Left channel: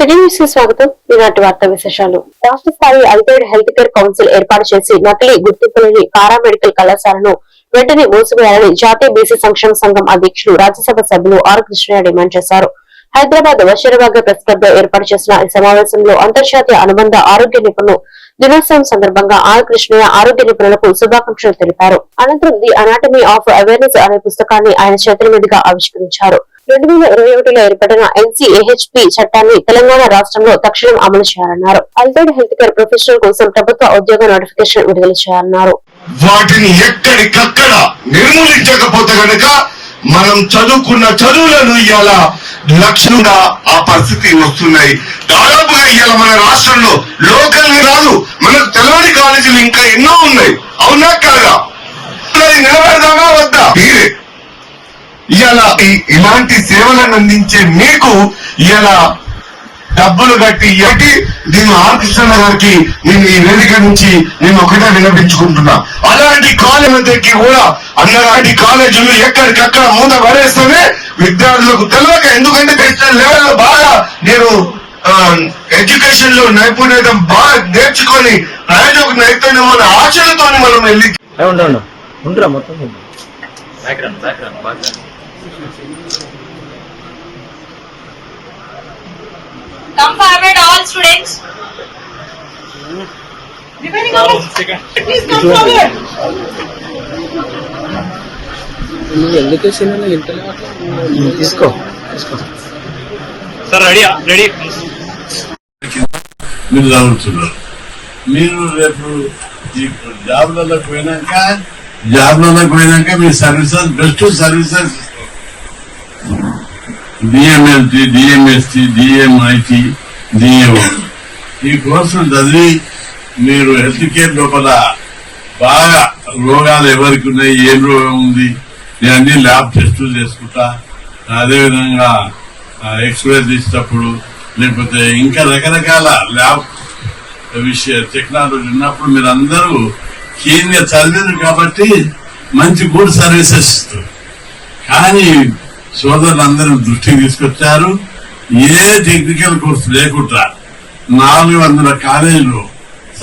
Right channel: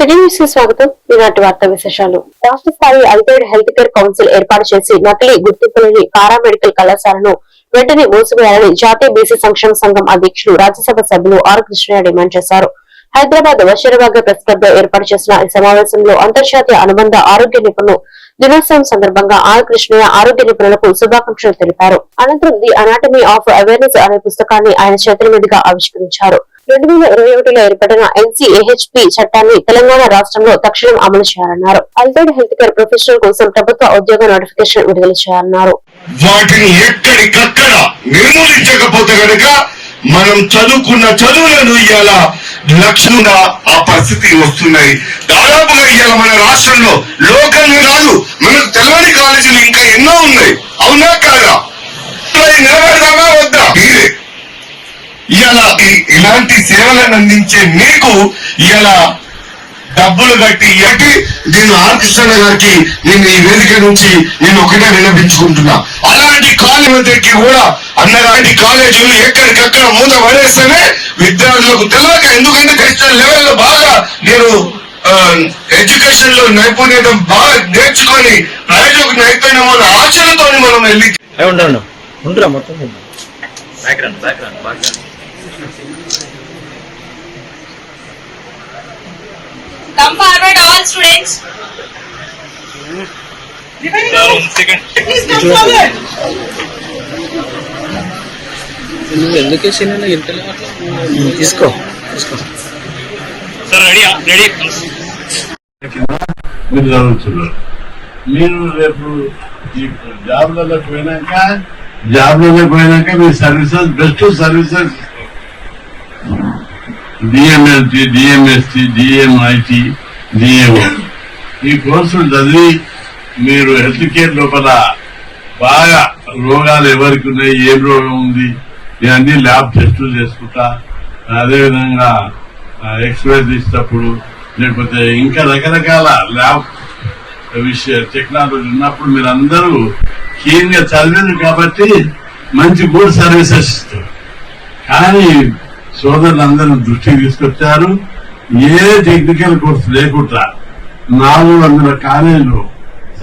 స్వాగతం. ఈనాటి వార్తా విశేషాలు. రాష్ట్ర స్థాయి అల్టైడ్ హెల్త్ కేర్ కౌన్సిల్ ఏర్పాటు చేసి నకిలీ గుర్తింపు లేని పారామెడికల్ కళాశాలను వెంటనే మూసివేయాలని జాతీయ బీసీ సంక్షేమ సంఘం అధ్యక్షులు రాజ్యసభ సభ్యులు ఆర్ కృష్ణయ్య డిమాండ్ చేశారు. హైదరాబాద్ వషీరాబాద్ ప్రెస్ క్లబ్లో ఏర్పాటు చేసిన ఈ సమావేశంలో అంతర్జాతీయ అనుబంధ ఆరోగ్య నిపుణులు దినోత్సవం సందర్భంగా ఆర్ కృష్ణయ్య ఆరోగ్య నిపుణులకు శుభాకాంక్షలు తెలిపారు. అనంతరం ది అనాటమీ ఆఫ్ అవేర్నెస్ అనే పుస్తకాన్ని ఆయన చేతుల మీదుగా ఆవిష్కరించారు. రెండు వేల ఇరవై ఒకటిలో ఏర్పడిన ఎన్సీఏహెచ్పి చట్టాన్ని తెలంగాణ రాష్ట్రంలో తక్షణం అమలు చేయాలన్నారు. అల్టైడ్ హెల్త్ కేర్ ప్రొఫెషనల్ కోసం ప్రభుత్వ ఉద్యోగ నోటిఫికేషన్ విడుదల చేయాలన్నారు. వాటిని ఎక్కడికక్కడ నిర్మూలించకపోతే గనక మనం చదువుకున్న చదువులను ఇవాళ లక్షలుగా ఆ పరిస్థితి వస్తున్నాయి. దాదాపుగా ఇవాళ మన రాష్ట్రంలో లోకల్ కాదు మనకు తెల్లవాడి కాలేజీలు ఇంకా ఎన్నో ఉన్నాయి. అవునా కాదా? నిలబడదామా వద్దా? మీరే. ఇవాళ ఇలాంటి సేవలను అందించే మీకు ఇవాళ డబ్బులు కట్టి ఎట్టి దీన్ని ఆర్కృష్ణ గారికి నేను ఈ వేదిక నుంచి నేను ఒకటే విన్నపించుకుంటున్నా అలాంటి కాలేజీలకి కూడా అన్నలాంటి కాలేజీలు ఎక్కడికక్కడ మూత పడేస్తేనే విద్యార్థులకు తెలియక ఎందుకంటే నేషనల్ లెవెల్ బాగా నేను ఎడ్యుకేషన్లో నైపుణ్యం బాగా నేర్చుకొని ప్రయోజక నైపుణ్యం అనే ఆశలతో మనం వెళ్ళి ఉండు ఉండురా మొత్తం. Background background background Come forward, all students. Please come forward. నువ్వు ఎందుకు వేసినా ఇంటలే అట్లా తీసుకో తీసుకో. సార్ రెడీ రెడీ మీరు చదువుతున్నారు. మీరు రేపు ఈ జాబ్లలోకి పోయినాక జాబ్లలోకి పోయినాక మీ services best services DMLT DMST DMIT DMO ఈ కోర్సులు చదివి మీరు హెల్త్ కేర్ లోపల బాగా రోగాలు ఎవరికి ఉన్నాయి ఏం రోగం ఉంది నేను అన్ని ల్యాబ్ టెస్టులు చేసుకుంటా అదేవిధంగా ఎక్స్రే తీసేటప్పుడు లేకపోతే ఇంకా రకరకాల ల్యాబ్ విషయ టెక్నాలజీ ఉన్నప్పుడు మీరు అందరూ కీన్ చదివారు కాబట్టి మంచి గుడ్ సర్వీసెస్ ఇస్తారు. కానీ సోదరులందరూ దృష్టికి తీసుకొచ్చారు. ఏ టెక్నికల్ కోర్సు లేకుండా నాలుగు వందల కాలేజీలు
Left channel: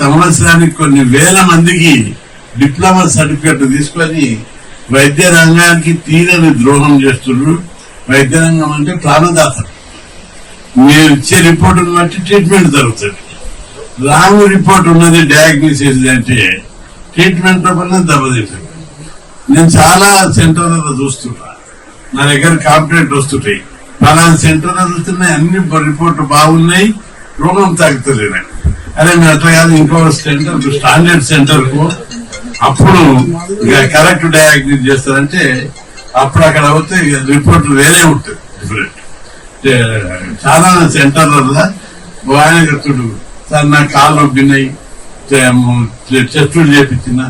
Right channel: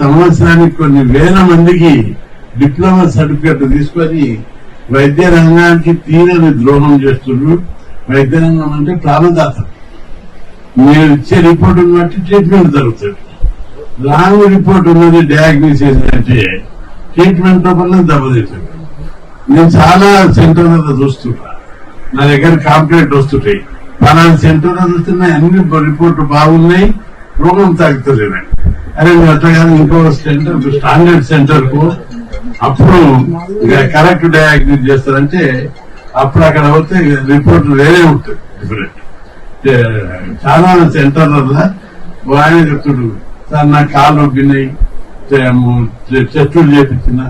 సంవత్సరానికి కొన్ని వేల మందికి డిప్లొమా సర్టిఫికెట్ తీసుకొని వైద్య రంగానికి తీరని ద్రోహం చేస్తున్నారు. వైద్య రంగం అంటే ప్రాణదాత. మీరు ఇచ్చే రిపోర్ట్ బట్టి ట్రీట్మెంట్ జరుగుతుంది. రాంగ్ రిపోర్ట్ ఉన్నది డయాగ్నోసిస్ అంటే ట్రీట్మెంట్ లోపల దెబ్బతింటుంది. నేను చాలా సెంటర్లలో చూస్తున్నా. నా దగ్గర కాంప్లైంట్ వస్తుంటాయి. ఫలానా సెంటర్ అందుతున్నాయి అన్ని రిపోర్ట్లు బాగున్నాయి రోగం తగ్గుతలేదు అరే మీరు అట్లా కాదు ఇంకో సెంటర్ స్టాండర్డ్ సెంటర్కు అప్పుడు కరెక్ట్ డయాగ్నోస్ చేస్తారంటే అప్పుడు అక్కడ పోతే రిపోర్ట్ వేరే ఉంటుంది డిఫరెంట్ చాలా సెంటర్లలో ఆయన చెప్తుడు సార్ నా కాళ్ళు ఒగ్గినాయి చెస్టులు చేపించిన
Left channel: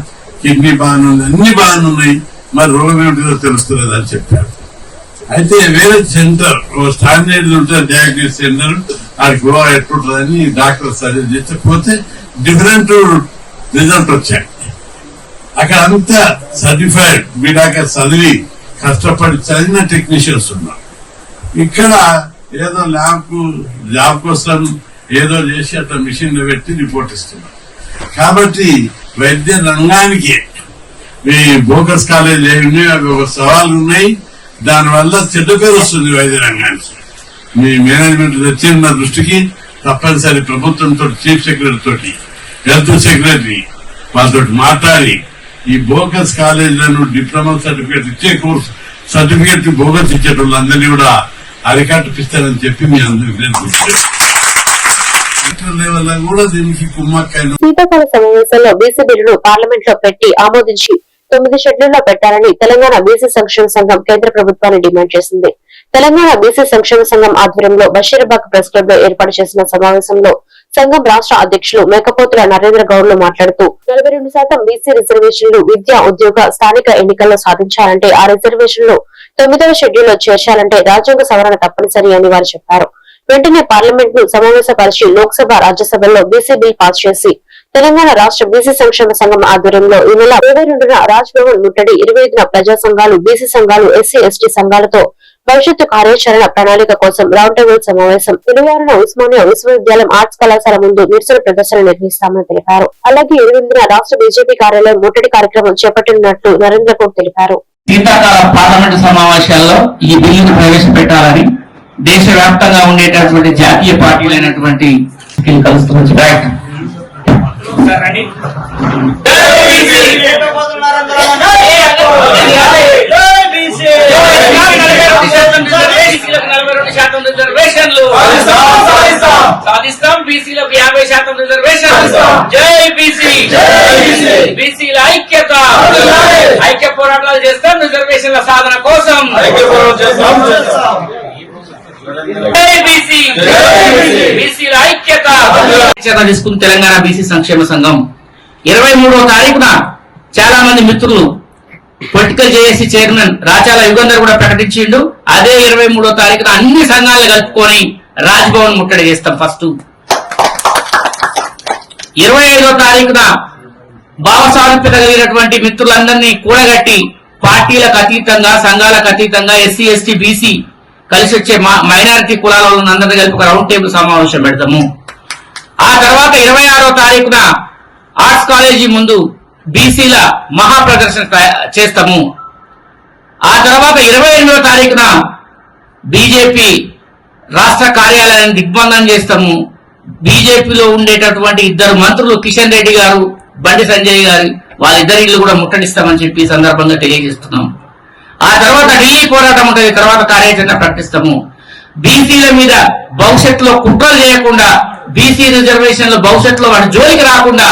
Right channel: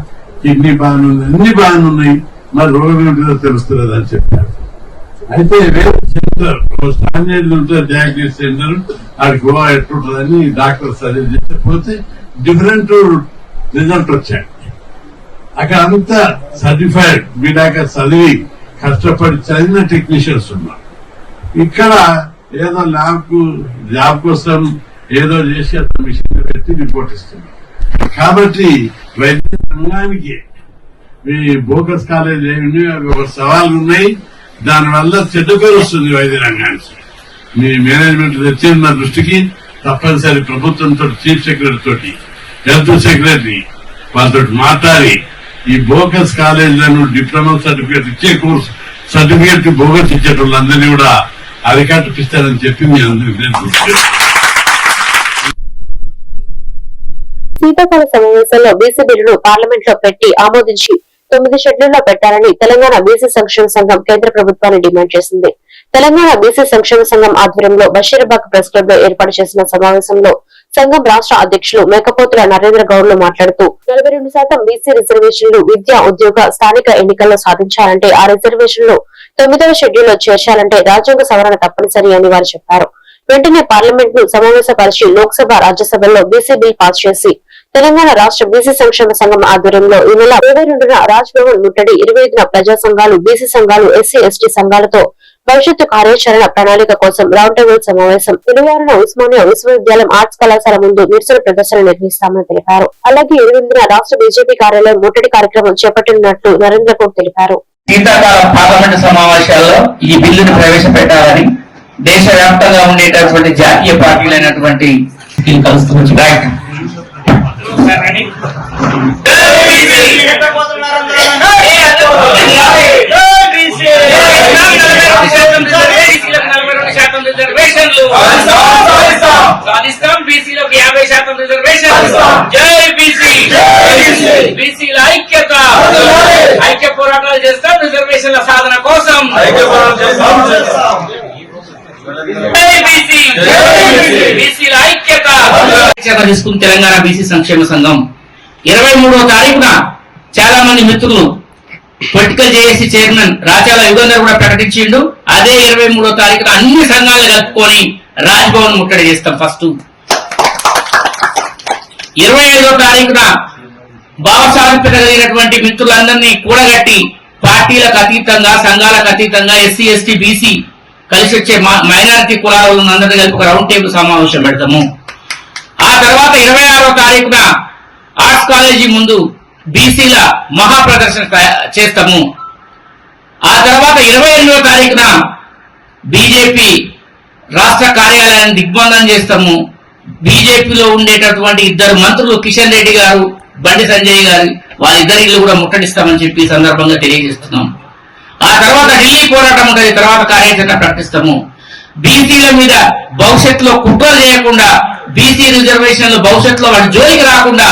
కిడ్నీ బాగానే ఉంది అన్ని బాగానే ఉన్నాయి మరి రోగం ఏమిటిదో తెలుస్తలేదు అని చెప్పారు. అయితే వేరే సెంటర్ స్టాండర్డ్ ఉంటుంది డయాగ్నోస్ సెంటర్ ఆడికి ఓ ఎట్లుంటుందని డాక్టర్ సజెస్ట్ చేస్తే పోతే డిఫరెంట్ రిజల్ట్ వచ్చాయి. అక్కడ అంతా సర్టిఫైడ్ మీడాక చదివి కష్టపడి చదివిన టెక్నీషియన్స్ ఉన్నారు. ఇక్కడ ఏదో ల్యాబ్ జాబ్ కోసం ఏదో చేసి అట్లా మిషన్ పెట్టి రిపోర్ట్ ఇస్తున్నారు. కాబట్టి వైద్య రంగానికి ఈ బోకస్ కాలేజ్ ఏమి అవి ఒక సవాళ్ళు ఉన్నాయి. దానివల్ల చెడ్డ పేరు వస్తుంది వైద్య రంగానికి మీ మేనేజ్మెంట్ తెచ్చిన దృష్టికి తప్పనిసరి ప్రభుత్వంతో చీఫ్ సెక్రటరీ తోటి హెల్త్ సెక్రటరీ వాళ్ళతో మాట్లాడి ఈ బోకస్ కాలేజీలను డిప్లొమా సర్టిఫికేట్ ఇచ్చే కోర్సు సర్టిఫికేట్ బోగస్ ఇచ్చే వాళ్ళందరినీ కూడా అరికట్టిస్తారని చెప్పి మీ అందరికీ దీనికి శీతాకాల సమావేశంలో బీసీ బిల్లును పార్లమెంట్లో పెట్టి ఆమోదించి తొమ్మిది షెడ్యూల్లో పెట్టాలని తెలంగాణ బీసీ సంక్షేమ సంఘం కేంద్ర ప్రభుత్వాన్ని డిమాండ్ చేసింది. తెలంగాణ బీసీ సంక్షేమ సంఘం ఆధ్వర్యంలో బషీరాబాద్ ప్రెస్ క్లబ్లో ఏర్పాటు చేసిన సమావేశంలో సంఘం రాష్ట్ర అధ్యక్షులు మేకపోతుల నరేంద్ర గౌడ్ మాట్లాడుతూ నలభై రెండు శాతం బీసీ రిజర్వేషన్లు విద్యా ఉద్యోగ స్థానిక ఎన్నికల్లో సాధించాలంటే ఆ రిజర్వేషన్లు తొమ్మిదవ షెడ్యూల్లో చేర్చాలంటే రాజ్యాంగ సవరణ తప్పనిసరి అని వారు చెప్పారు. వెంటనే పార్లమెంట్ను సమావేశపరిచి లోక్సభ రాజ్యసభలో బీసీ బిల్ పాస్ చేసి తెలంగాణ రాష్ట్ర బీసీ సంక్షేమ సంఘం ఆధ్వర్యంలో ఈ నెల ఇరవై రెండున రాజ్భవన్ ముట్టడి ఇరవై ఐదున ప్రజా సంఘాలు బీసీ సంఘాలు ఎస్సీ ఎస్టీ సంఘాలతో భవిష్యత్తు కార్యాచరణ ప్రణాళిక కోసం రౌండ్ టేబుల్ సమావేశం. ఇరవై ఉస్మానియా విశ్వవిద్యాలయం ఆర్ట్స్ కళాశాల ముందు నిరసన ప్రదర్శన నిర్వహిస్తామని తెలిపారు. అలాగే ఎనిమిదిన రాష్ట్ర బీజేపీ కార్యాలయం ముట్టడి కార్యక్రమం చేపట్టనున్నట్లు నరేంద్ర గౌడ్ తెలిపారు. శీతాకాల పార్లమెంటు సమావేశాల్లో ఈ బిల్లును ప్రవేశపెట్టాలని దేశవ్యాప్తంగా ఉండేటటువంటి జాతీయ పార్టీలైనటువంటి కలుస్తుంది రైట్ సాధిస్తాం బీసీలకు యాభై శాతం రిజర్వేషన్ జై బీసీ బీసీల ఐక్యత ఐక్య పోరాటాలు చేస్తాం రిజర్వేషన్ల సాధన కోసం జై బీసీ బీసీల ఐక్యత చర్య తీసుకుని తెలంగాణ బీసీ సంక్షేమ సంఘం. ఇరవై మూడో తారీఖున చాలా మంది మిత్రులు political JAC chairman Rachala Yugandhar కూడా ప్రకటించిండు. అదే ఇరవై మూడో తారీఖున అన్ని సంఘాలను కలుపుకొని రాజ్భవన్ ముట్టడి చేస్తాం ఫస్ట్. ఇరవై ఐదో తారీఖున భావసారూప్యత కలిగినటువంటి మిత్రులందరినీ కూడగట్టి పార్టీలకు అతీతంగా సంఘాలకు అతీతంగా ఎస్సీ ఎస్టీ బీసీ కలిసి వచ్చే మైనారిటీ కులాల అందరినీ కలిపి ఒక రౌండ్ టేబుల్ సమావేశం పెడతాము. ఆ తర్వాత ఇరవై ఆరో తారీఖున ఆర్ట్స్ కాలేజీ ముందు బీసీల మహా ప్రదర్శన చేస్తాము. ఆ తర్వాత ఇరవై ఎనిమిదో తారీఖున బీజేపీ రాష్ట్ర కార్యాలయాన్ని దిగ్బంధనం చేస్తాము. బీజేపీలో ఉండేటటువంటి ఇద్దరు మంత్రులు కిషన్ రెడ్డి గారు బండి సంజయ్ గారు వాళ్ళిద్దరి ఇల్లు కూడా ముట్టడిస్తామని చెప్పి ఈ సందర్భంగా తెలియజేస్తున్నాం. ఆ తర్వాత ఢిల్లీ పోరాటం ఉంటుంది. తర్వాత కార్యాచరణ ప్రకటిస్తాము బీసీల మీద భవిష్యత్తులో కుట్రలు చేయకుండా బీసీ రిజర్వేషన్లు భవిష్యత్తులో వాటి జోలికి రాకుండా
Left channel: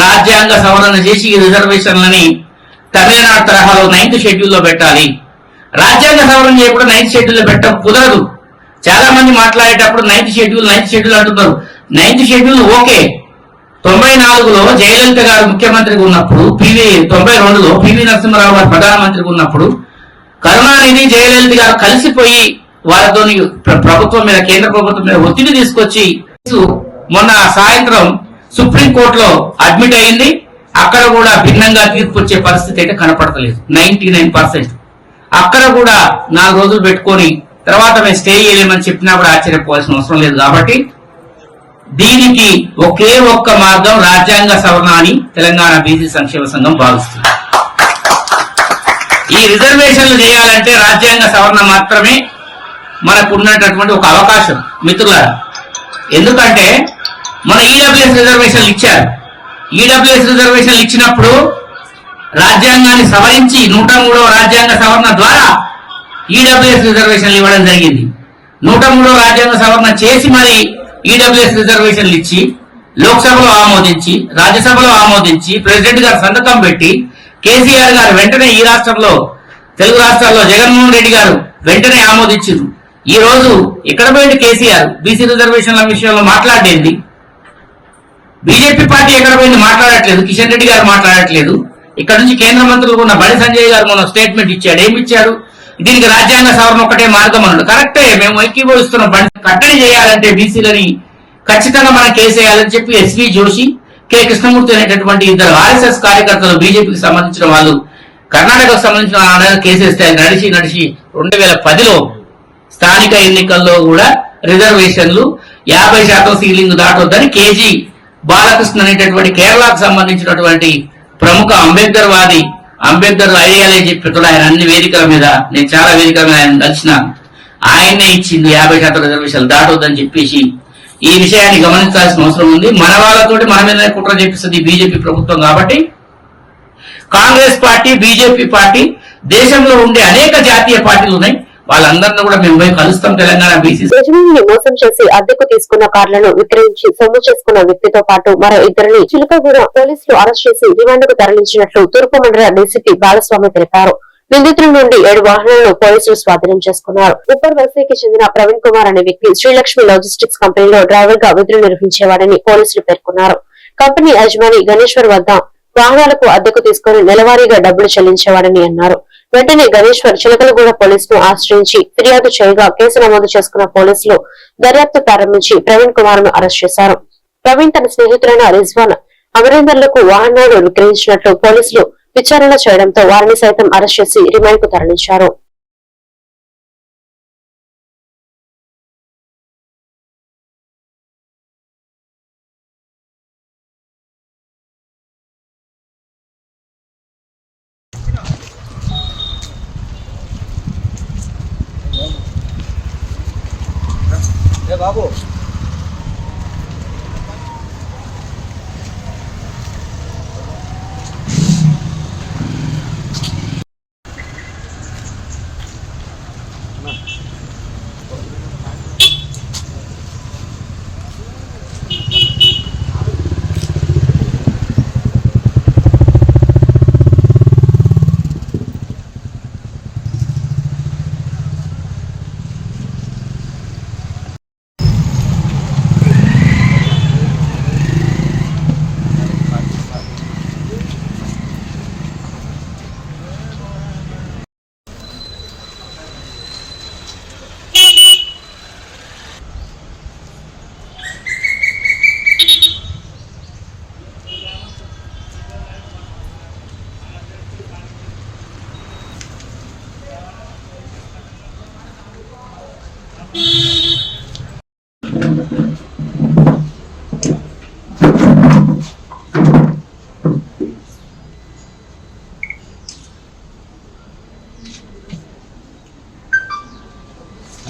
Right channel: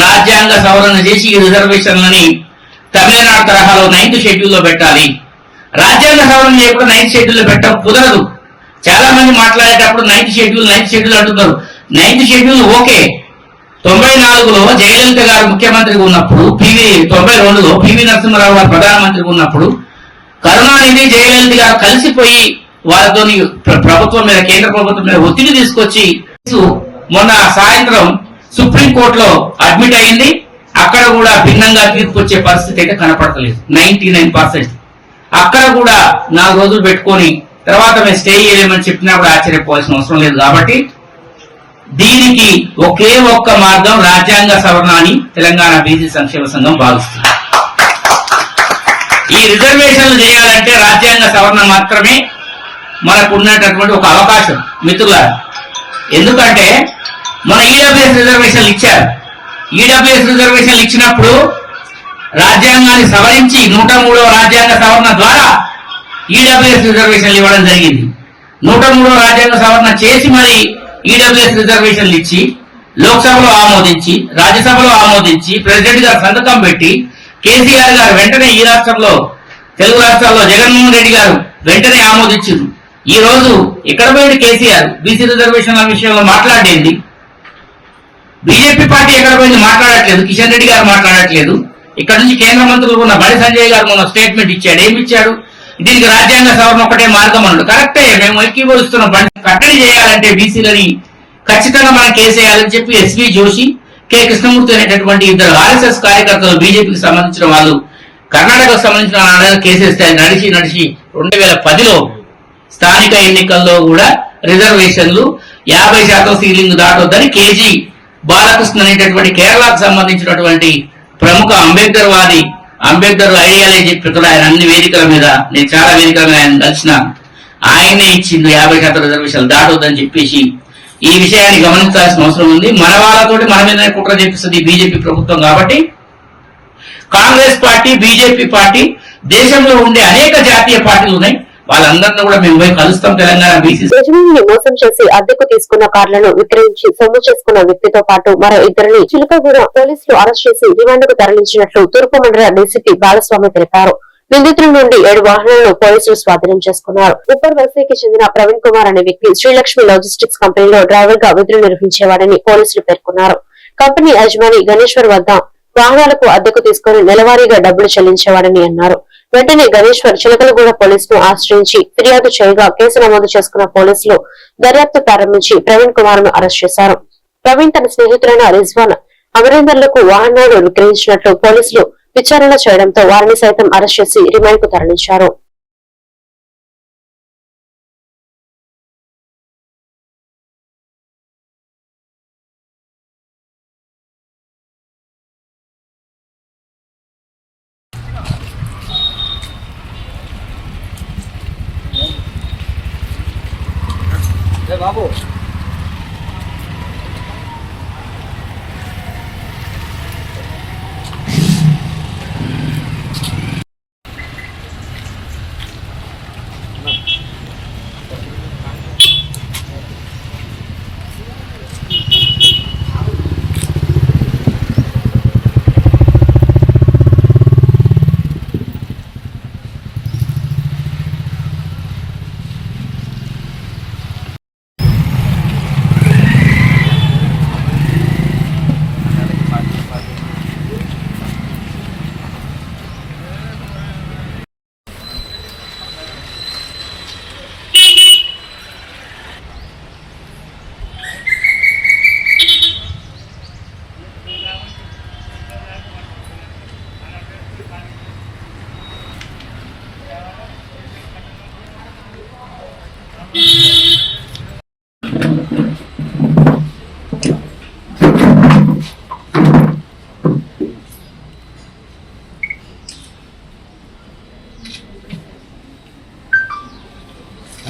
రాజ్యాంగ సవరణ చేసి ఈ రిజర్వేషన్లని తమిళనాడు తరహాలో నైన్త్ షెడ్యూల్లో పెట్టాలి. రాజ్యాంగ సవరణ చేయకుండా నైన్త్ షెడ్యూల్లో పెట్టడం కుదరదు. చాలా మంది మాట్లాడేటప్పుడు నైన్త్ షెడ్యూల్ నైన్త్ షెడ్యూల్ అంటున్నారు. Ninth schedule okay. తొంభై నాలుగులో జయలలిత గారు ముఖ్యమంత్రిగా ఉన్నప్పుడు పివి తొంభై రెండులో పివి నరసింహరావు గారు ప్రధానమంత్రిగా ఉన్నప్పుడు కరుణానిధి జయలలిత గారు కలిసిపోయి వారితో ప్రభుత్వం మీద కేంద్ర ప్రభుత్వం మీద ఒత్తిడి తీసుకొచ్చి మొన్న సాయంత్రం సుప్రీం కోర్టులో అడ్మిట్ అయింది అక్కడ కూడా భిన్నంగా తీర్పు వచ్చే పరిస్థితి అయితే కనపడతలేదు. Ninety nine percent. అక్కడ కూడా నాలుగు రోజులు పెట్టుకొని తర్వాత మేము స్టే చేయలేమని చెప్పినా కూడా ఆశ్చర్యపోవాల్సిన అవసరం లేదు కాబట్టి దీనికి ఒకే ఒక్క మార్గం రాజ్యాంగ సవరణ అని తెలంగాణ బీసీ సంక్షేమ సంఘం భావిస్తుంది. ఈ రిజర్వేషన్లు చేయాలంటే రాజ్యాంగ సవరణ మాత్రమే మనకు ఉన్నటువంటి ఒక అవకాశం మిత్రులారా. ఎందుకంటే మన ఈడబ్ల్యూఎస్ రిజర్వేషన్లు ఇచ్చారు. ఈడబ్ల్యూఎస్ రిజర్వేషన్లు ఇచ్చినప్పుడు రాజ్యాంగాన్ని సవరించి నూట మూడవ రాజ్యాంగ సవరణ ద్వారా ఈడబ్ల్యూఎస్ రిజర్వేషన్లు ఇవ్వడం జరిగింది. నూట మూడవ రాజ్యాంగ సవరణ చేసి మరి ఈడబ్ల్యూఎస్ రిజర్వేషన్లు ఇచ్చి లోక్సభలో ఆమోదించి రాజ్యసభలో ఆమోదించి ప్రెసిడెంట్ గారు సంతకం పెట్టి కేసీఆర్ గారు వెంటనే ఈ రాష్ట్రంలో తెలుగు రాష్ట్రాల్లో జగన్మోహన్ రెడ్డి గారు వెంటనే ఆమోదించారు. ఈ రోజు ఇక్కడ పోయింది కేసీఆర్? బీసీ రిజర్వేషన్ల విషయంలో మాట్లాడేది. బీజేపీ పార్టీ ఎక్కడ పోయింది మాట్లాడట్లేదు. కిషన్ రెడ్డి గారు మాట్లాడట్లేదు. ఇక్కడ నుంచి కేంద్ర మంత్రులు ఉన్న బడి సంజయ్ గారు మొన్న స్టేట్మెంట్ ఇచ్చాడు. ఏమి ఇచ్చాడు? దీనికి రాజ్యాంగ సవరణ ఒకటే మార్గం అన్నాడు. కరెక్టే మేము ఐక్యభవిస్తున్నాం కట్టడి చేయాలంటే బీసీలని ఖచ్చితంగా మనం కేసేయాలని చెప్పి ఎస్వి జోషి కె. కృష్ణమూర్తి అనేటటువంటి ఇద్దరు ఆర్ఎస్ఎస్ కార్యకర్తలు బీజేపీకి సంబంధించిన వాళ్ళు కర్ణాటకకు సంబంధించిన కేసెస్ నడిచి నడిచి రెండు వేల పదిలో స్థానిక ఎన్నికల్లో కూడా రిజర్వేషన్లు యాభై శాతం సీలింగ్ దాటొద్దని కేజీ బాలకృష్ణ అనేటటువంటి కేరళకు సంబంధించినటువంటి ప్రముఖ అంబేద్కర్ వాది అంబేద్కర్ ఐడియాలజీ చెప్పినప్పుడు ఆయన అన్ని వేదికల మీద నేను చాలా వేదికల మీద ఆయన కలిసిన ఆయనే ఇచ్చిండు యాభై శాతం రిజర్వేషన్లు దాటొద్దని చెప్పేసి ఈ విషయాన్ని గమనించాల్సిన అవసరం ఉంది. మన వాళ్ళతోటి మన మీదనే కుట్ర చేపిస్తుంది బీజేపీ ప్రభుత్వం కాబట్టి. కాంగ్రెస్ పార్టీ బీజేపీ పార్టీ దేశంలో ఉండే అనేక జాతీయ పార్టీలు ఉన్నాయి. వాళ్ళందరినీ కూడా మేము పోయి కలుస్తాం తెలంగాణ బీసీ యజమానిని మోసం చేసి అద్దెకు తీసుకున్న కార్లను విక్రయించి సొమ్ము చేసుకున్న వ్యక్తితో పాటు మరో ఇద్దరిని చిలుకగూడ పోలీసులు అరెస్ట్ చేసి రిమాండ్కు తరలించినట్లు తూర్పు మండల డీసీపీ బాలస్వామి తెలిపారు. నిందితుల నుండి ఏడు వాహనాలను పోలీసులు స్వాధీనం చేసుకున్నారు. ఉప్పర్ వలసకి చెందిన ప్రవీణ్ కుమార్ అనే వ్యక్తి శ్రీలక్ష్మి లాజిస్టిక్స్ కంపెనీలో డ్రైవర్గా విధులు నిర్వహించేవాడని పోలీసులు పేర్కొన్నారు. కంపెనీ యజమాని గణేశ్వర్ వద్ద వాహనాలకు అద్దెకు తీసుకుని నెలవారీగా డబ్బులు చెల్లించేవాడని అన్నారు. వెంటనే గణేశ్వర్ చిలకలగూడ పోలీసును ఆశ్రయించి ఫిర్యాదు చేయగా కేసు నమోదు చేసుకున్న పోలీసులు దర్యాప్తు ప్రారంభించి ప్రవీణ్ కుమార్ను అరెస్ట్ చేశారు. ప్రవీణ్ తన స్నేహితులైన రిజ్వాన్ అమరేందర్లకు వాహనాలు విక్రయించినట్లు పోలీసులు విచారణ చేయడంతో వారిని సైతం అరెస్ట్ చేసి రిమాండ్కు తరలించారు బాబు?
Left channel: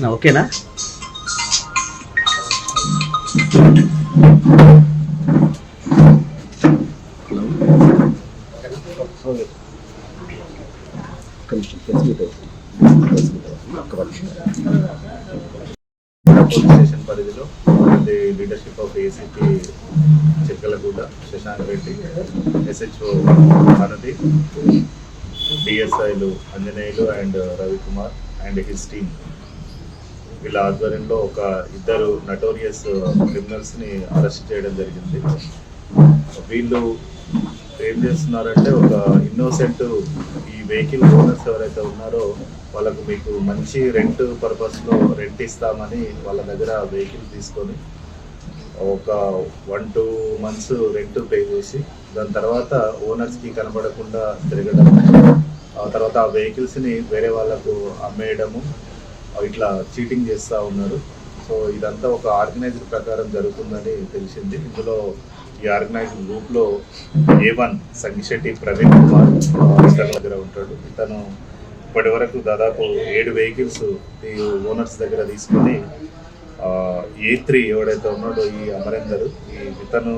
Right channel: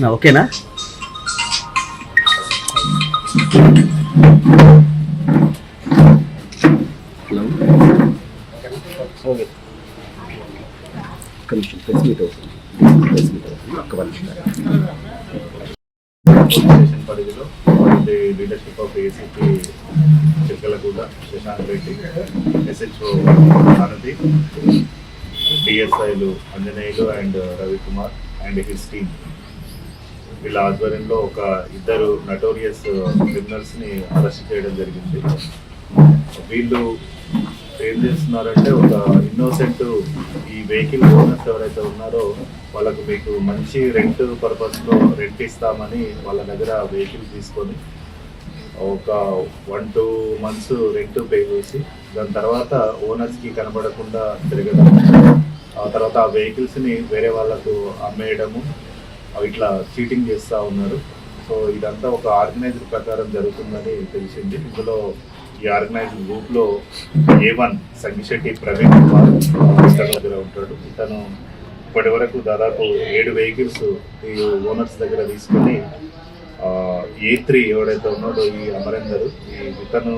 అన్న ఓకేనా? స్టేషన్ పరిధిలో the leadership of ACP Chikkalaguda Shashank Reddy SHO Bharathi డిఎస్ఐలు Anjaneyulu and Ravikumar and his team వీళ్ళ ఆధ్వర్యంలో ఒక ఇద్దరు నటోరియస్ క్రిమినల్స్ని అరెస్ట్ చేయడం జరిగింది. వీళ్ళు ఏం చేస్తున్నారంటే ఒక ఇన్నోసెంట్ ఈ వెహికల్ ఓనర్స్ ఎవరైతే ఉన్నారో వాళ్ళకు మీకు మంచి రెంట్ పర్పస్లో రెంట్ ఇస్తామని వాళ్ళ దగ్గర వెహికల్ తీసుకొని ఒక one two months rent pay చేసి దాని తర్వాత ఓనర్స్కి కనబడకుండా తిరగడం ఆ తర్వాత ఆ వెహికల్స్ని వేరే వాళ్ళకు అమ్మేయడము ఇట్లా చీటింగ్ చేస్తూ ఉన్నారు. సో ఇదంతా ఒక ఆర్గనైజ్డ్ ప్రకారం జరుగుతుందని తెలిసింది. ఇందులో ఈ ఆర్గనైజర్ గ్రూప్లో ఏ వన్ సంగిశెట్టి ప్రవీణ్ కుమార్ ఆ, దగ్గర ఉంటాడు. ఇతను ఇప్పటి వరకు దాదాపు ఏడు వెహికల్స్ ఈ ఓనర్స్ దగ్గర తీసుకొని ఏ త్రీ ఎవడైతే ఉన్నాడో ఈ అమరేందర్ ఈ ఇతను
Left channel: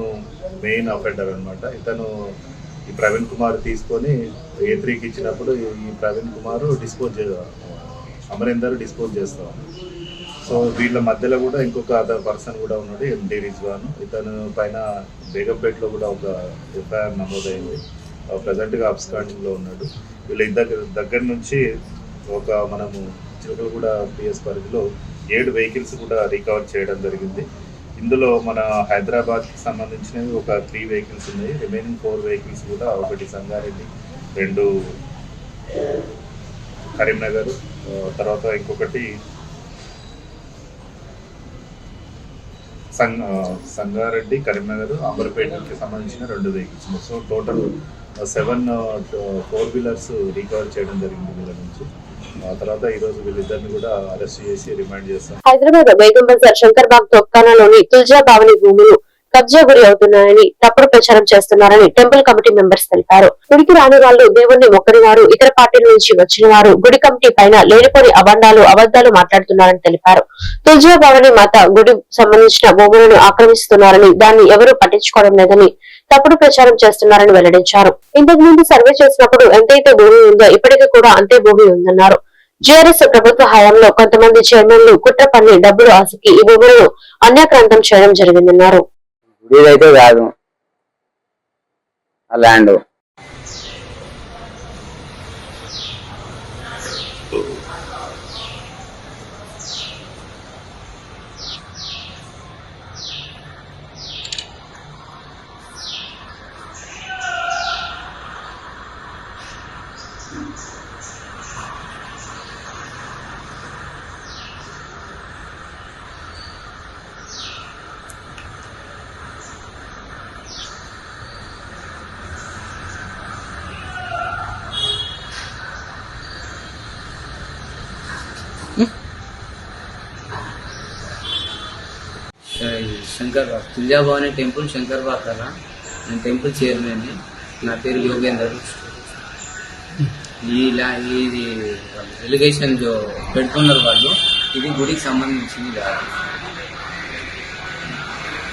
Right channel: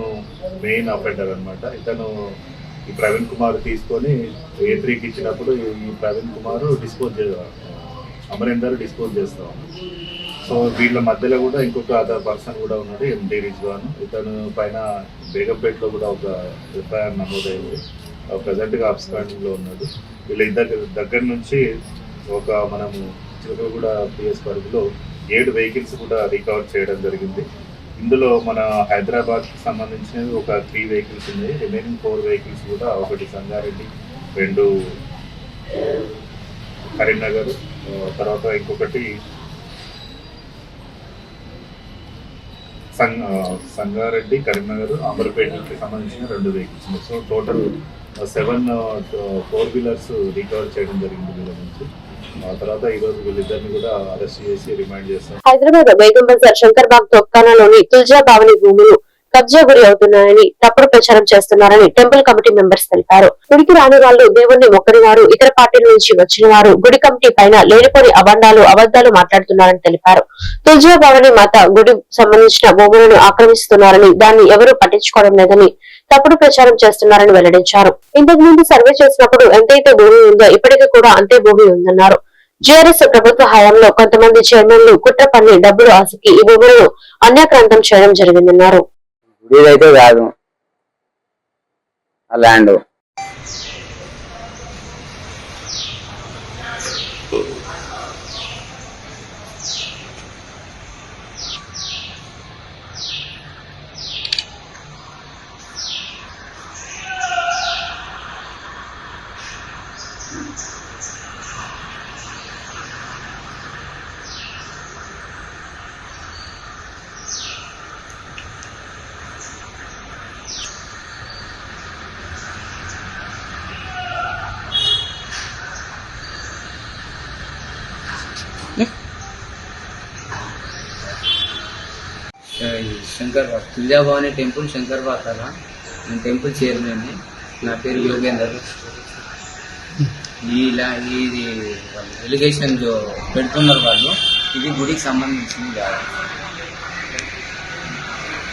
మెయిన్ అఫెండర్ అనమాట ఇతను ఈ ప్రవీణ్ కుమార్ తీసుకొని ఏ త్రీకి ఇచ్చినప్పుడు ఈ ప్రవీణ్ కుమార్ డిస్పోజ్ చే అమరేందర్ డిస్పోజ్ చేస్తాం. సో వీళ్ళ మధ్యలో కూడా ఇంకొక అదర్ పర్సన్ కూడా ఉన్నాడు ఎండి రిజ్వాన్ ఇతను పైన బేగంపేటలో కూడా ఒక ఎఫ్ఐఆర్ నమోదైంది. ప్రజెంట్గా గా ఉన్నాడు. వీళ్ళ ఇద్దరు దగ్గర నుంచి ఒక మనము చిలకలగూడ పిఎస్ పరిధిలో ఏడు వెహికల్స్ కూడా రికవర్ చేయడం జరిగింది. ఇందులో మన హైదరాబాద్కి సంబంధించినవి ఒక త్రీ వెహికల్స్ ఉన్నాయి. రిమైనింగ్ ఫోర్ వెహికల్స్ కూడా ఒకటి సంగారెడ్డి రెండు కరీంనగర్ తర్వాత ఇంకొకటి సంగ సంగారెడ్డి కరీంనగర్ అమర్పేటకి సంబంధించిన రెండు vehicles so total seven four wheelers recover చేయడం జరిగింది వీళ్ళ నుంచి. తర్వాత ఈ రోజు వీళ్ళిద్దరిని కూడా అరెస్ట్ చేసి రిమాండ్ చేస్తాం. హైదరాబాద్ బేగం బజార్ శంకర్బాగ్ తొక్కానాలోని తుల్జా భావని భూములు కబ్జా గురి అవుతున్నాయని తప్పుడు ప్రచారం చేస్తున్నారని టెంపుల్ కమిటీ మెంబర్స్ తెలిపారు. గుడికి రాని వాళ్ళు దేవుణ్ణి మొక్కని వారు ఇతర పార్టీల నుంచి వచ్చిన వారు గుడి కమిటీ పైన లేనిపోని అబండాలు అబద్దాలు మాట్లాడుతున్నారని తెలిపారు. తులజా భవని మాత గుడి సంబంధించిన భూములను ఆక్రమిస్తున్నారని దాన్ని ఎవరూ పట్టించుకోవడం లేదని తప్పుడు ప్రచారం చేస్తున్నారని వెల్లడించారు. ఇంతకు ముందు సర్వే చేసినప్పుడు ఎంతైతే భూమి ఉందో ఇప్పటికీ కూడా అంతే భూమి ఉందన్నారు. జిఆర్ఎస్ ప్రభుత్వ హయాంలో కొంతమంది చైర్మన్లు కుట్ర పన్ని డబ్బులు ఆశకి ఈ భూములను అన్యాక్రాంతం చేయడం జరిగిందన్నారు. ఇదైతే కాదు. ఆ ల్యాండ్. శంకర్బాగ్ తుల్జాభవాని టెంపుల్ శంకర్బాగ్ కదా నేను టెంపుల్ చైర్మన్. నా పేరు యోగేందర్. ఈ ఇది ఎలిగేషన్ పెడుతున్నారు వాళ్ళు. ఇది గుడికి సంబంధించింది కాదు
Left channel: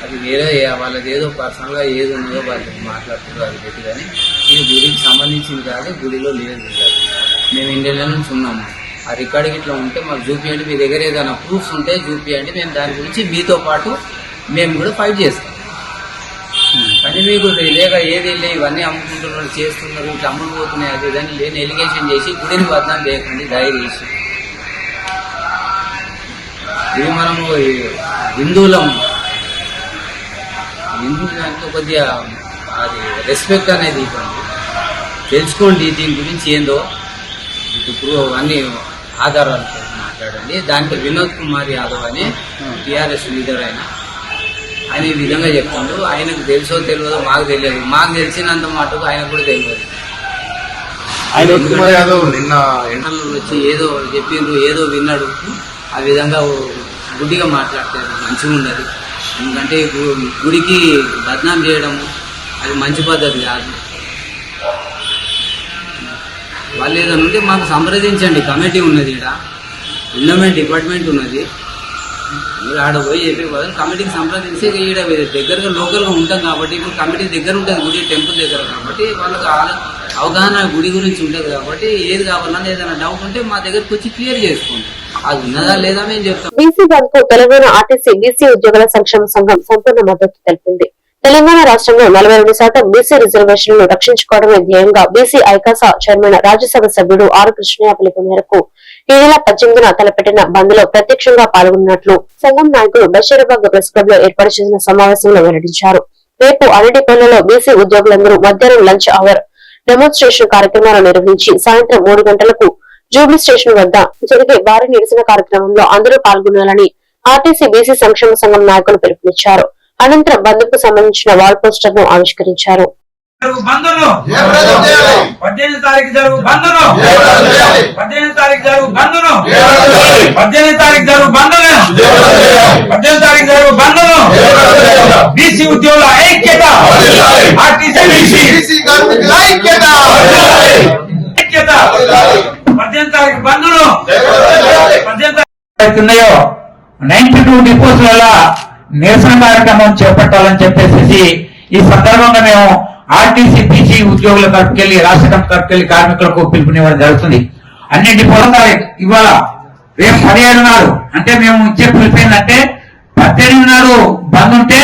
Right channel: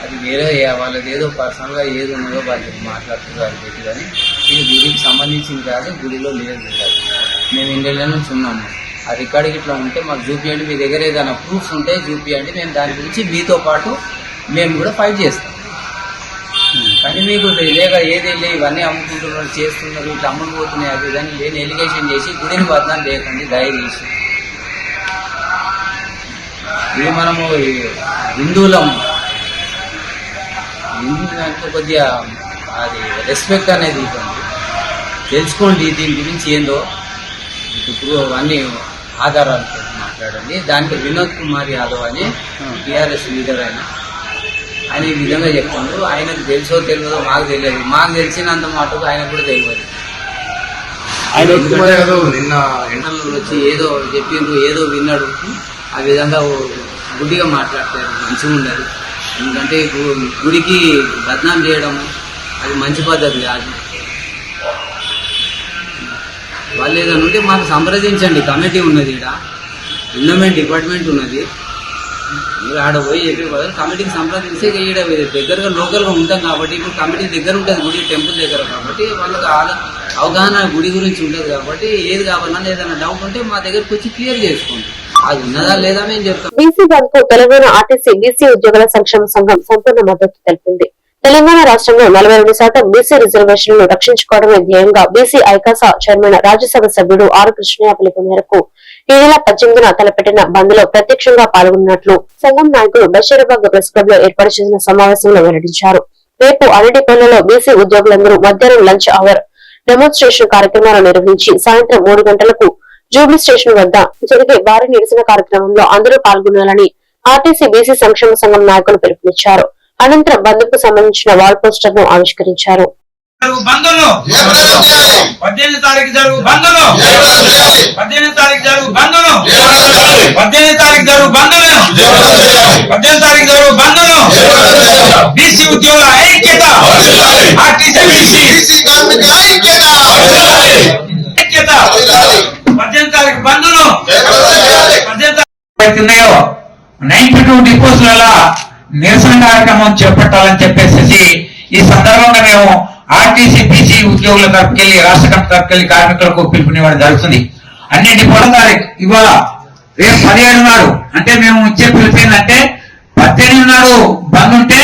అది వేరే వాళ్ళది ఏదో పర్సనల్గా ఏది ఉన్నదో వాళ్ళు మాట్లాడుతున్నారు అది పెట్టి కానీ ఇది గుడికి సంబంధించింది కాదు గుడిలో లేదు. మేము ఇండియాలో నుంచి ఉన్నాము. ఆ రికార్డింగ్ ఇట్లా ఉంటే మాకు చూపియండి మీ దగ్గర ఏదైనా ప్రూఫ్స్ ఉంటే చూపియండి మేము దాని గురించి మీతో పాటు మేము కూడా ఫైట్ చేస్తాం. కానీ మీకు లేక ఏది లే ఇవన్నీ అమ్ముకుంటున్నారు చేస్తున్నారు ఇట్లా అమ్ముకుపోతున్నాయి అది దాన్ని లేని ఎలిగేషన్ చేసి గుడిని బదనాం చేయకండి దయచేసి ఇది మనము హిందువులం. హిందూ దాంట్లో కొద్దిగా అది రెస్పెక్ట్ అనేది ఇవ్వండి. తెలుసుకోండి దీని గురించి ఏందో. ఇప్పుడు అన్ని ఆధారాలతో మాట్లాడండి. దానికి వినోద్ కుమార్ యాదవ్ అని టిఆర్ఎస్ లీడర్ ఆయన. ఆయన ఈ విధంగా చెప్తుండ్రు ఆయనకు తెలుసో తెలియదో మాకు తెలియదు. మాకు తెలిసినంత మటుకు ఆయనకు కూడా తెలియదు. నిన్న ఇంటర్లో వచ్చి ఏదో చెప్పిండ్రు ఏదో విన్నాడు. ఆ విధంగా ఓ గుడ్డిగా మాట్లాడతారు. మంచిగా ఉండదు ఎందుకంటే గుడికి బద్నాం చేయడము అది మంచి పద్ధతి కాదు. వాళ్ళు ఏదైనా ఉంటే మాకు సంప్రదించండి. కమిటీ ఉన్నది ఇక్కడ ఎండోమెంట్ డిపార్ట్మెంట్ ఉన్నది. మీరు ఆడ పోయి చెప్పి బదులు కమిటీకి సంప్రదిస్తే ఈడ దగ్గరగా లోకల్గా ఉంటాం కాబట్టి ఇప్పుడు కమిటీ దగ్గర ఉంటుంది గుడి టెంపుల్ దగ్గర కాబట్టి వాళ్ళకి అవగాహన గుడి గురించి ఉంటుంది కాబట్టి ఏది కావాలన్నా ఏదైనా డౌట్ ఉంటే మా దగ్గరకు వచ్చి క్లియర్ చేసుకోండి. అది ఉన్నదా లేదా మేము చెప్తాం. BC bandh Telangana RTC BC ఉద్యోగుల సంక్షేమ సంఘం సంపూర్ణ మద్దతు తెలిపింది. తెలంగాణ రాష్ట్రంలో నలభై రెండు శాతం బీసీ రిజర్వేషన్లను రక్షించుకోవడమే ధ్యేయంగా బీసీ ఐకాస చైర్మన్ రాజ్యసభ సభ్యుడు ఆర్ కృష్ణయ్య పిలుపు మేరకు ఈ నెల పద్దెనిమిదిన తలపెట్టిన బంద్లో ప్రత్యక్షంగా పాల్గొన్నట్లు సంఘం నాయకులు బషీరాబాద్ ప్రెస్ క్లబ్లో ఏర్పాటు చేసిన సమావేశంలో వెల్లడించారు. రేపు అరటిపల్లిలో బీసీ ఉద్యోగులందరూ మధ్యాహ్నం లంచ్ అవర్ డెమోన్స్ట్రేషన్ కార్యక్రమాలు నిర్వహించి సాయంత్రం మూడు గంటలకు జూబ్లీ స్టేషన్ వద్ద జరిగే భారీ నిరసన కార్యక్రమంలో అందరూ పాల్గొనాలని ఆర్టీసీ బీసీ సంక్షేమ సంఘం నాయకులు పిలుపునిచ్చారు. అనంతరం బంద్కు సంబంధించిన వాల్ పోస్టర్ను ఆవిష్కరించారు బంధులు. పద్దెనిమిది తారీఖు జరుగు బంధులు. పద్దెనిమిది తారీఖు జరుగు బంధులు. పద్దెనిమిది తారీఖు జరుగు బంధులు. పద్దెనిమిది తారీఖు జరుగు బంధులు. బీసీ ఉద్యోగుల ఐక్యత. RTC BC. ఐక్యత. పద్దెనిమిది తారీఖు బంధులు. పద్దెనిమిది ఉన్నాయో నైన్టీ టూ డిపోస్ల నిరసన కార్యక్రమం చేపట్టాలని చెప్పేసి ఈ సందర్భంగా మేము ఆర్టీసీ బీసీ ఉద్యోగుల తరపుకెళ్ళి రాష్ట్ర కమిటీ తరపుకెళ్ళి కార్మికులకు పిలుపునివ్వడం జరుగుతుంది. అన్ని డిపో తారీఖు ఇవాళ రేపు పదిహేను నాడు అంటే మేము ఇచ్చే పిలుపు ఏంటంటే పద్దెనిమిది నాడు బంద్ ఉంటే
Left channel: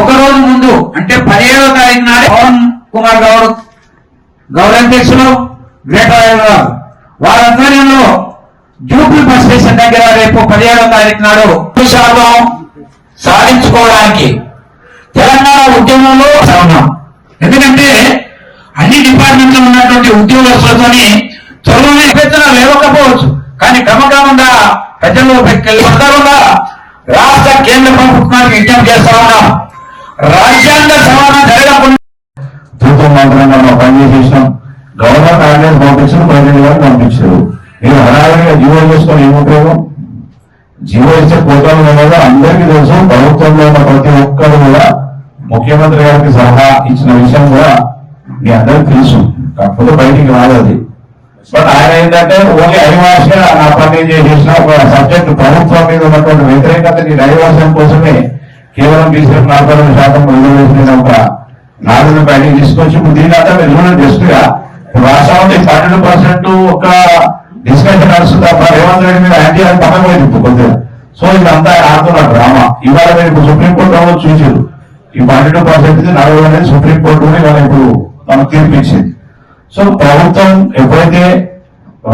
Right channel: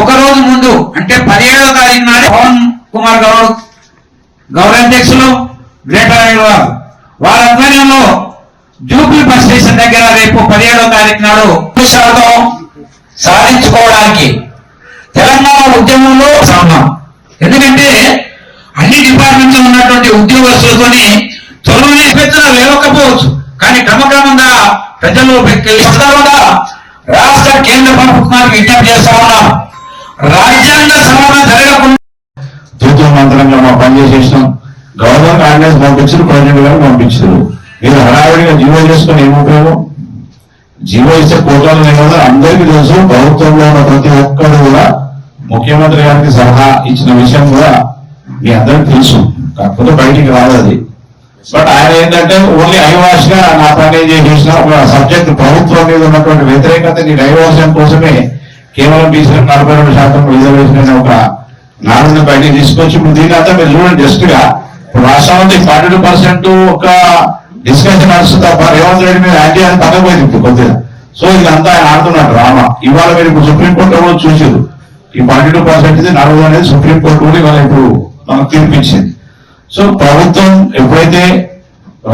ఒక రోజు ముందు అంటే పదిహేడవ తారీఖు నాడు పవన్ కుమార్ గౌడ్ గౌరవాధ్యక్షులు గ్రేటర్ వారి ఆధ్వర్యంలో జూబ్లీ బస్ స్టేషన్ దగ్గర రేపు పదిహేడవ తారీఖు నాడు శాతం సాధించుకోవడానికి. తెలంగాణ ఉద్యమంలో ఉన్నాం ఎందుకంటే అన్ని డిపార్ట్మెంట్లు ఉన్నటువంటి ఉద్యోగస్తులతోని చదువునే పెద్దలు లేవకపోవచ్చు. కానీ క్రమక్రమంగా ప్రజల్లో కూడా రాష్ట్ర కేంద్ర ప్రభుత్వానికి విజ్ఞప్తి చేస్తా ఉన్నాం. రాజ్యాంగ సవరణ జరగకుండా తూతూ మంత్రంగా మా పనిచేసేసినాం గవర్నర్ ఆర్డినెన్స్ పంపించారు ప్రెసిడెంట్ గారు పంపించారు. మీరు హడావిడిగా జీవో చేసుకొని ఏం ఉపయోగం? జీవో ఇచ్చే పోర్టల్ అనేది అందరికీ తెలుసు. ప్రభుత్వంలో ఉన్న ప్రతి ఒక్కరు కూడా ముఖ్యమంత్రి గారికి సలహా ఇచ్చిన విషయం కూడా మీ అందరికి తెలుసు. కాకపోతే బయటికి రాదు అది. బట్ ఆయన ఏంటంటే ఓన్లీ ఐవాష్గా నా పని చేసిన సబ్జెక్ట్ ప్రభుత్వం మీద ఉన్నటువంటి వ్యతిరేకతని డైవర్షన్ కోసమే కేవలం బీసీ నలభై రెండు శాతం రిజర్వేషన్ ఒక నాలుగు బయట తీసుకొచ్చి దీని అంతా మీరు చూడండి జస్ట్గా. రాష్ట్రంలో పన్నెండు పర్సెంట్ ఒక డిస్కషన్ నడుస్తుంది తప్ప రేవంత్ రెడ్డి మీద యాంటీ అని పక్కన పోయింది ఇప్పుడు కొద్దిగా. సో ఇదంతా ఆయన ఆడుతున్న డ్రామా. ఇవాళ మీరు ఇప్పుడు సుప్రీంకోర్టు కూడా చూసారు ఈ పన్నెండు పర్సెంట్ నడవడం అనేది సుప్రీంకోర్టు కూడా ఇవాళ ఇప్పుడు మనకు తీర్పిచ్చింది. సో ప్రభుత్వం ఎప్పుడైతే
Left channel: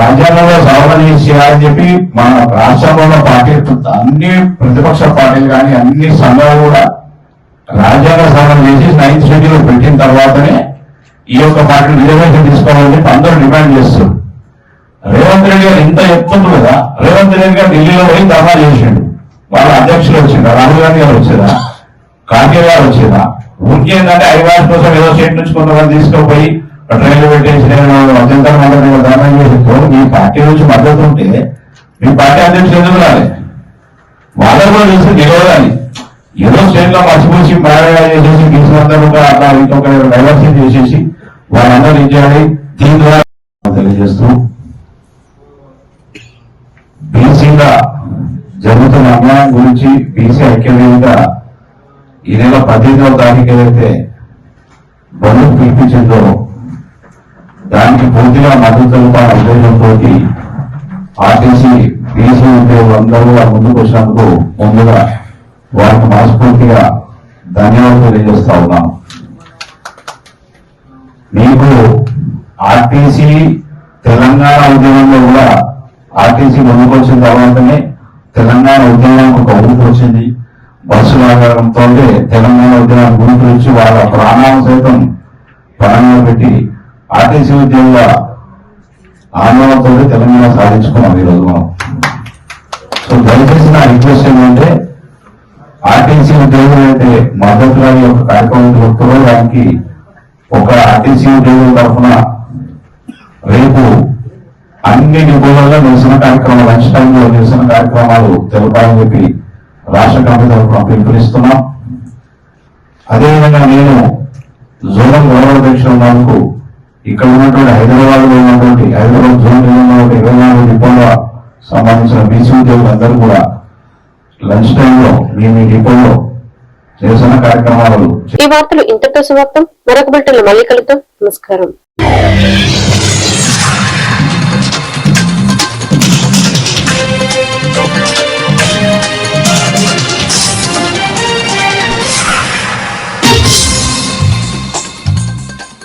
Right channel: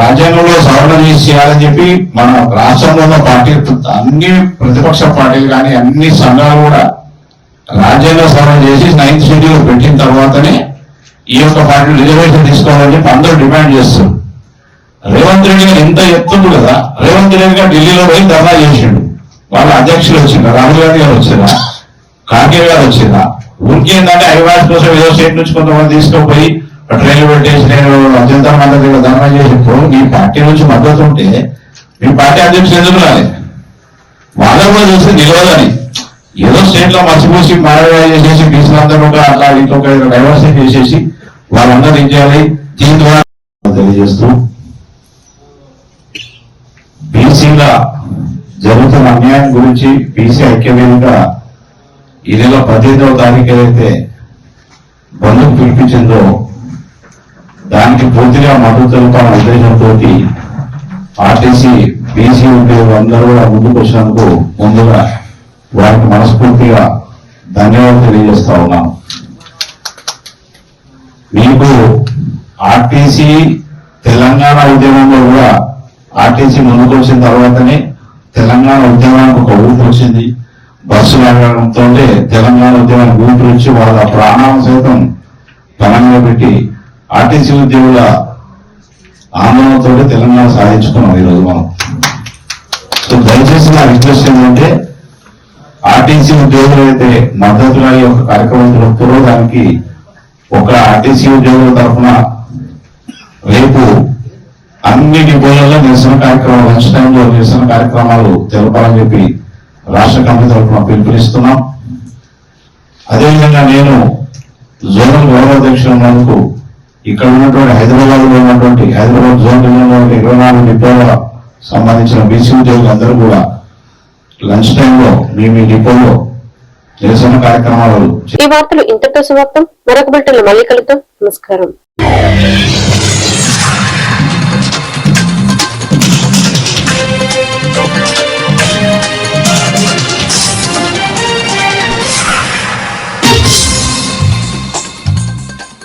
రాజ్యాంగంలో సవరణ చేసేయాలని చెప్పి మన రాష్ట్రంలో ఉన్న పార్టీ అన్ని ప్రతిపక్ష పార్టీలు కానీ అన్ని సంఘాలు కూడా రాజ్యాంగ సవరణ చేసి నైన్త్ షెడ్యూల్ పెట్టిన తర్వాతనే ఈ యొక్క పార్టీ రిజర్వేషన్ తీసుకోవాలని చెప్పి అందరూ డిమాండ్ చేస్తారు రేవంత్ రెడ్డి గారు ఎంత ఎత్తుంది కదా రేవంత్ రెడ్డి గారు ఢిల్లీలో పోయి ధర్నా చేసిండు. వాళ్ళ అధ్యక్షులు వచ్చిండ్రు రాహుల్ గాంధీ గారు వచ్చారా కార్గే గారు వచ్చిందా ఊరికి ఏంటంటే హైదరాబాద్ కోసం ఏదో స్టేట్ నుంచి కొంతమంది తీసుకుపోయి ట్రైన్లు పెట్టేసి నేను అత్యంత మంది ధర్నా చేసినప్పుడు మీ పార్టీ నుంచి మద్దతు ఉంటే మీ పార్టీ అధ్యక్షులు ఎందుకు రాలి? వాళ్ళకు కూడా చూస్తే నిలవదని ఏదో స్టేట్లో మర్చిపోసి మారగా చేసేసి బీసీలందరూ అట్లా ఇంకొక డైవర్సిటీ చేసేసి వాళ్ళందరూ ఏం చేయాలి? దీని ద్వారా తెలియజేస్తూ బీసీల జరుగుతున్న అన్యాయం గురించి బీసీ ఐక్యవేదిగా ఈ నెల పదిహేనవ తారీఖు ఏదైతే బంధుకు పిలిపించిందో దానికి పూర్తిగా మద్దతు తెలపాలనే ఉద్దేశంతో ఆర్టీసీ బీసీ ఉద్యోగులందరూ కూడా ముందుకు వచ్చినందుకు ముందుగా వారికి మనస్ఫూర్తిగా ధన్యవాదాలు తెలియజేస్తా ఉన్నాను మీకు ఆర్టీసీ తెలంగాణ ఉద్యమంలో కూడా ఆర్టీసీ ముందుకు వచ్చిన తర్వాతనే తెలంగాణ ఉద్యమానికి ఒక ఊపు వచ్చింది. బస్సు లాగడంతో తెలంగాణ ఉద్యమానికి ఊపి వచ్చి వాళ్ళ ప్రాణాలను సైతం పణంగా పెట్టి ఆర్టీసీ ఉద్యోగుల ఆందోళనతో తెలంగాణ సాధించుకున్నాం ఈరోజు మనం. సో దయచేసి నా రిక్వెస్ట్ ఏంటంటే ఆర్టీసీ ఉద్యోగులు అయితే మద్దతు యొక్క కార్యక్రమం జరుపుతారో దానికి ఒక ఆర్టీసీ ఉద్యోగుల తరఫున రేపు అన్ని డిపోలలో నిరసన కార్యక్రమాలు లంచ్ టైంలో నిరసన కార్యక్రమాలు తెలపాలని చెప్పి రాష్ట్ర కమిటీ తరఫున పిలుపునిస్తున్నాం. అదేవిధంగా నేను జోనల్ గౌరవ అధ్యక్షుల వరకు ఇక్కడ ఉన్నటువంటి హైదరాబాద్లో ఉన్నటువంటి హైదరాబాద్ జోన్లో ఇరవై నాలుగు డిపోల సంబంధించిన బీసీ ఉద్యోగులందరూ కూడా లంచ్ టైంలో మీ మీ డిపోలో నిరసన కార్యక్రమాలు ఈ వార్తలు ఇంతటితో సమాప్తం. మరొక బిల్టన్లో మళ్ళీ కలుద్దాం. నమస్కారం.